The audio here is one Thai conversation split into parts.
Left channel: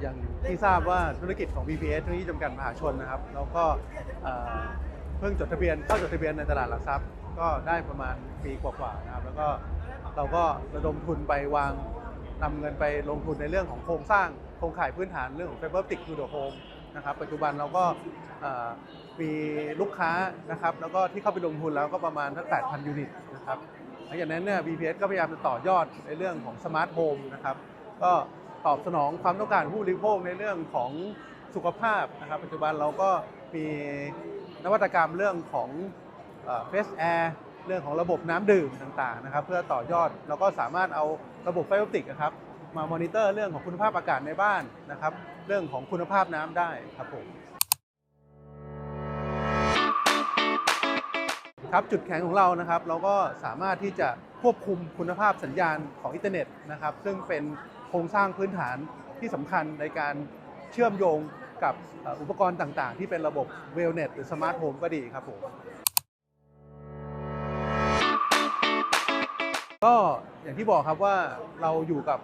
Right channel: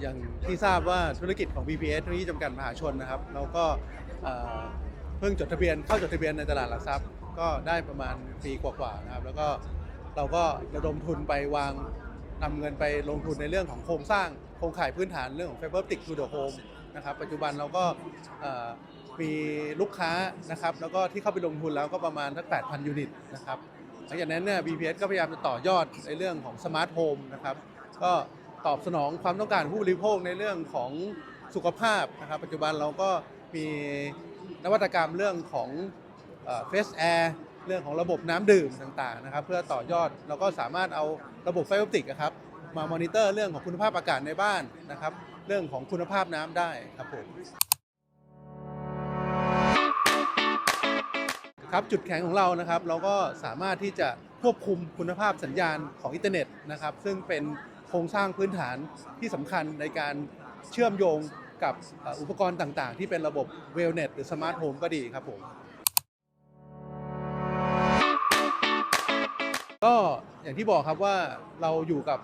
อย่างที่ทราบว่าธุรกิจของ BPS ธุรกิจำกัดมหาชนนะครับเราก็เพิ่งจดทะเบียนเข้าจดทะเบียนในตลาดหลักทรัพย์ ก็ได้ประมาณปีกว่าๆนะครับ แล้วก็เราก็ระดมทุนไปวางนำเงินไปลงทุนในเรื่องของโครงสร้างโครงข่ายพื้นฐานเรื่องของ Fiber Optic to the Home นะครับปัจจุบันเราก็มีลูกค้านะครับ แล้วก็ที่เข้าไปลงทุนแล้วก็ประมาณสัก8,000 ยูนิตนะครับหลังจากนั้นเนี่ย BPS ก็พยายามจะต่อยอดในเรื่องของสมาร์ทโฮมนะครับก็ ตอบสนองความต้องการผู้บริโภคในเรื่องของสุขภาพนะครับ ปัจจุบันเราก็มีนวัตกรรมเรื่องของเฟสแอร์เรื่องของระบบน้ำดื่มต่างๆนะครับ เพื่อต่อยอดเราก็สามารถเอาระบบไฟโอปติกนะครับมามอนิเตอร์เรื่องของคุณภาพอากาศในบ้านนะครับ เรื่องของคุณภาพน้ำได้ครับผมครับจุดแข็งของเรานะครับ เราก็สามารถที่จะควบคุมคุณภาพสัญญาณของอินเทอร์เน็ตนะครับ ซึ่งเป็น โครงสร้างพื้นฐานที่สำคัญในการเชื่อมโยงกับอุปกรณ์ต่างๆ ที่เป็นระบบเวลเน็ตหรือสมาร์ทโฮมก็ดีครับผมก็อย่างที่บอกครับว่าเราอยู่กับ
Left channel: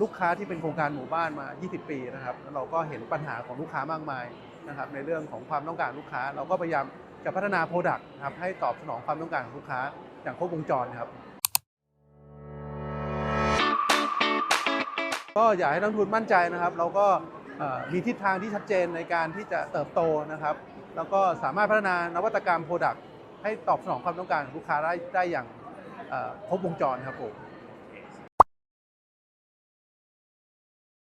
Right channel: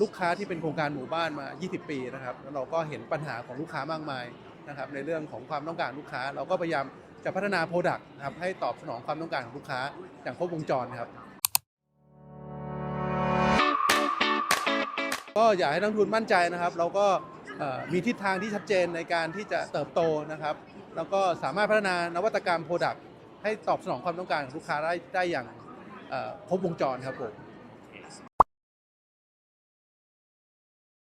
ลูกค้าที่เป็นโครงการหมู่บ้านมา 20 ปีนะครับแล้วเราก็เห็นปัญหาของลูกค้ามากมายนะครับในเรื่องของความต้องการลูกค้า เราก็พยายามจะพัฒนาโปรดักต์นะครับให้ตอบสนองความต้องการของลูกค้าอย่างครบวงจรครับ ก็อยากให้นักทุนมั่นใจนะครับ เราก็มีทิศทางที่ชัดเจนในการที่จะเติบโตนะครับ แล้วก็สามารถพัฒนานวัตกรรมโปรดักต์ให้ตอบสนองความต้องการของลูกค้าได้ได้อย่างครบวงจรครับผม